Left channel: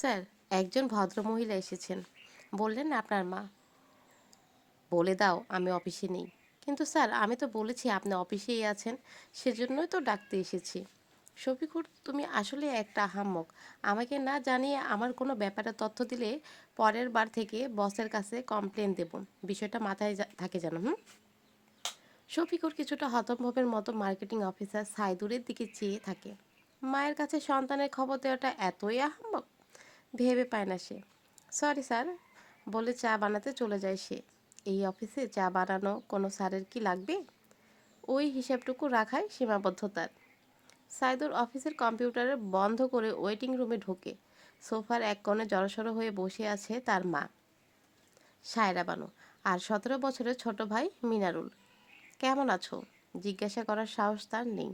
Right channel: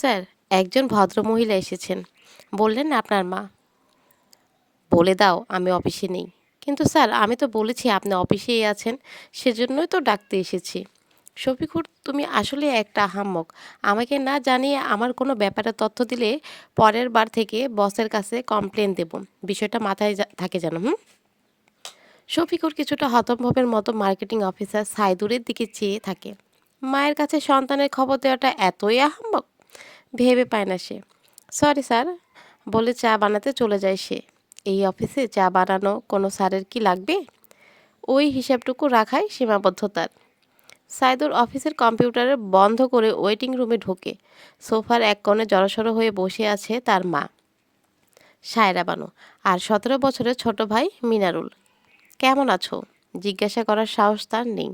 Sir, একজন ভদ্রমহিলা এসেছেন। বললেন আপনার মা। বলে দাও, আমি অফিসে নেই। কিন্তু স্যার, আমি তো বলেছি আপনি অফিসেই আছেন, সেজন্যই তো ডাকতে এসেছি। শফিকুর, তুমি আসলে একটা আহাম্মক। আমাকে না জানিয়ে আমার কোনো ব্যাপারে তথ্য দিলে পরের বার থেকে বসের কাছে কমপ্লেন দেব। বিষয়টা মাথায় থাকে যেন, হুম? শফিকুর কিছুটা হতম্ভবের মতো মার্কেটিং অফিসার সাইদুরের দিকে চেয়ে থাকে। মায়ের কাছে সন্তানের খবর দেওয়াটা এতই আহাম্মক? ভেবে পায় না সে। সরি স্যার, বলে চা বানাতে চলে যায় সে। এই অফিসে চা বানানো কোনো স্যারের কি লাগবে? ওই হিসাবটুকু রাখাই সীমাবদ্ধতার। সাইদুর অফিসের কম্পিউটারে বন্ধ করে ওয়েটিং রুমে ঢোকে। সোফার এক কোণে জড়সড় হয়ে বসে আছে তার মা। সায়রা বানু, আর সতেরো বছরের ছোট ভাই মিনারুল। কেমন আছো? জিজ্ঞাসা করার সাহস তার নেই।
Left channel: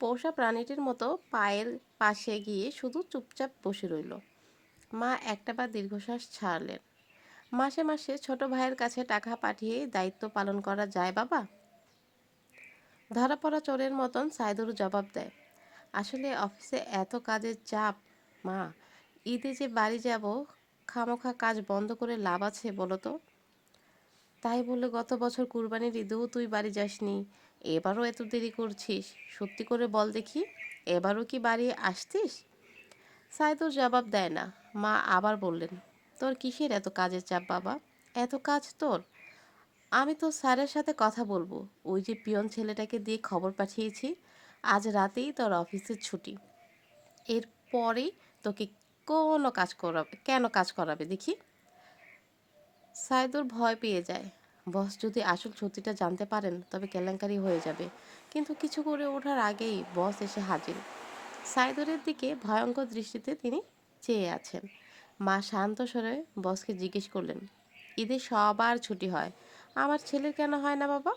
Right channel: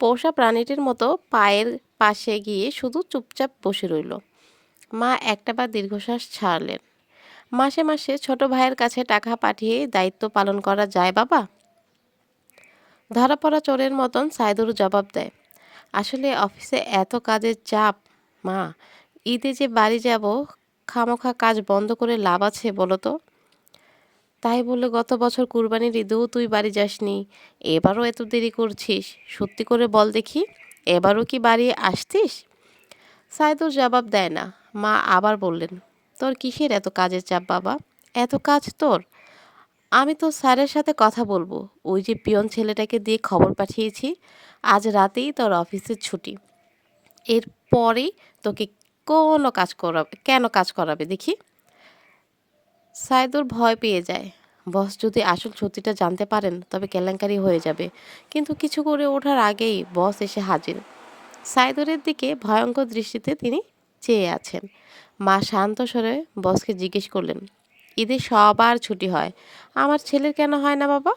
পোষা প্রাণীটির মতো পায়ের পাশে গিয়ে শুধু চুপচাপ বসে রইল। মা একটাবার দীর্ঘশ্বাস ছাড়লেন। মাসে মাসে ছোট ভাইয়ের কাছে টাকা পাঠিয়ে দায়িত্ব পালন করা যায়, বাবা? ধরা পড়া চোরের মতন সাইদুর জবাব দেয়, আসলে অফিসে এত কাজের চাপ, মা। ঈদে যে বাড়ি যাব, খামোখা কাজ বন্ধ করে লাভ আছে বলো তো? তাই বলে গত বছর কুরবানির ঈদেও তুই বাড়ি যাসনি, এবারও এত দেরি করছিস? সত্যি করে বল দেখি, এবারও কি বাড়ি আসতিস? সাইদুর জবাব দেয় না। মা আবার বললেন, তোর কিসের এত কাজের চাপ বাবা? এত কাজ তোর? আমি তো স্যারের সাথে কথা বলব। ওই যে পিয়ন ছেলেটাকে দিয়ে খবর পাঠিয়েছি, আজ রাতেই তোর অফিসের ছুটি। এরপরেই তোকে কোনো কাজ করাবে, কেন কাজ করাবে দেখি? সাইদুর ভয় পেয়ে যায়। বস, যদি আসল সত্যিটা জানতে পারেন, তবে কেলেঙ্কারি হয়ে যাবে। কিন্তু কিছু করে ওঠার আগেই বস এসে হাজির। সাইদুরের দিকে ভয়ঙ্কর দৃষ্টিতে তিনি চেয়ে আছেন। মা শান্ত স্বরে বসকে জিজ্ঞেস করলেন, ঈদে সবার ছুটি হয়, আমার ছেলের কেন হয় না বাবা?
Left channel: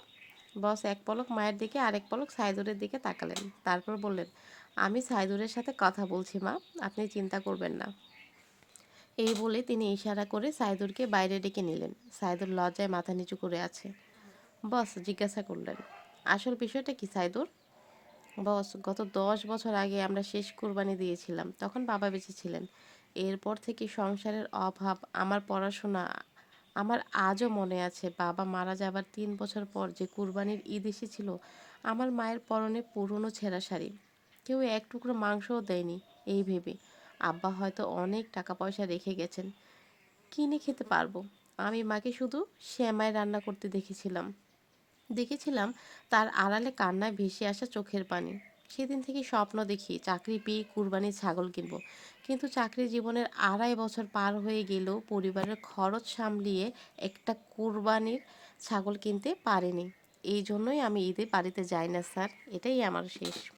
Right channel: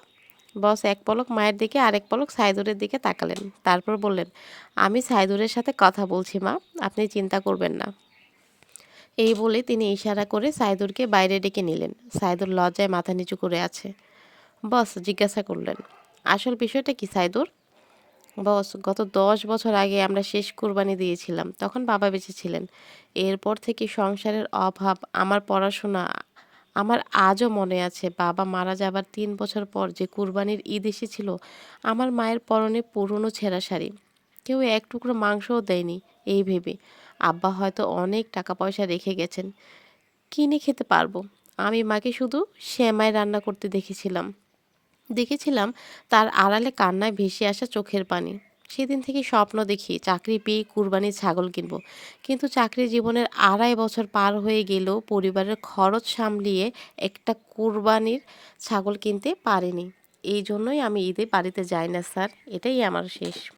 বস এক পলক মায়ের দিকে, আরেক পলক সাইদুরের দিকে তাকালেন। তারপর বললেন, আমি সাইদুরের সাথে কথা বলছি মা, আপনি চিন্তা করবেন না। এই বলে তিনি ইশারা করে সাইদুরকে বাইরে ডেকে নিলেন। সাইদুর লজ্জায় মাথা নিচু করে আছে। বস জিজ্ঞাসা করলেন, আসল বিষয়টা কি সাইদুর? বস, গত দশ বছর আগে আমরা শেষ কোরবানি দিয়েছিলাম, তখন বাবা বেঁচে ছিলেন। এরপর থেকে সংসারের অভাব, আমার পড়াশোনা, আমার আজও মনে আছে, বাবা মারা যাবার তিন বছর পর যে কুরবানির ঈদ এসেছিল, আমার মায়ের পরনে পুরনো ছেঁড়া শাড়ি। কেউ এক টুকরো মাংসও দেয়নি, এই ভেবে। আব্বা হয়তো অনেক টাকা পয়সা রেখে গেছেন, কিনে খেতে পারব। আমি মাকে শুধু সেমাই রান্না করতে দেখেছিলাম। দেখেছিলাম তার আড়ালে কান্নায় ভেসে আসা চোখের পানি। সেদিন থেকে স্বপ্ন দেখি চাকরি পেয়ে কুরবানির ছাগল কিনব। কিন্তু চাকরি জীবনের আড়াই বছর পার হয়ে গেলেও পরিবারের খরচ সামলিয়ে একটা কুরবানির ছাগল কিনতে পারিনি। এই জন্যই আমি ঈদে বাড়িতে যাই না, স্যার। এটাই আমার শেষ।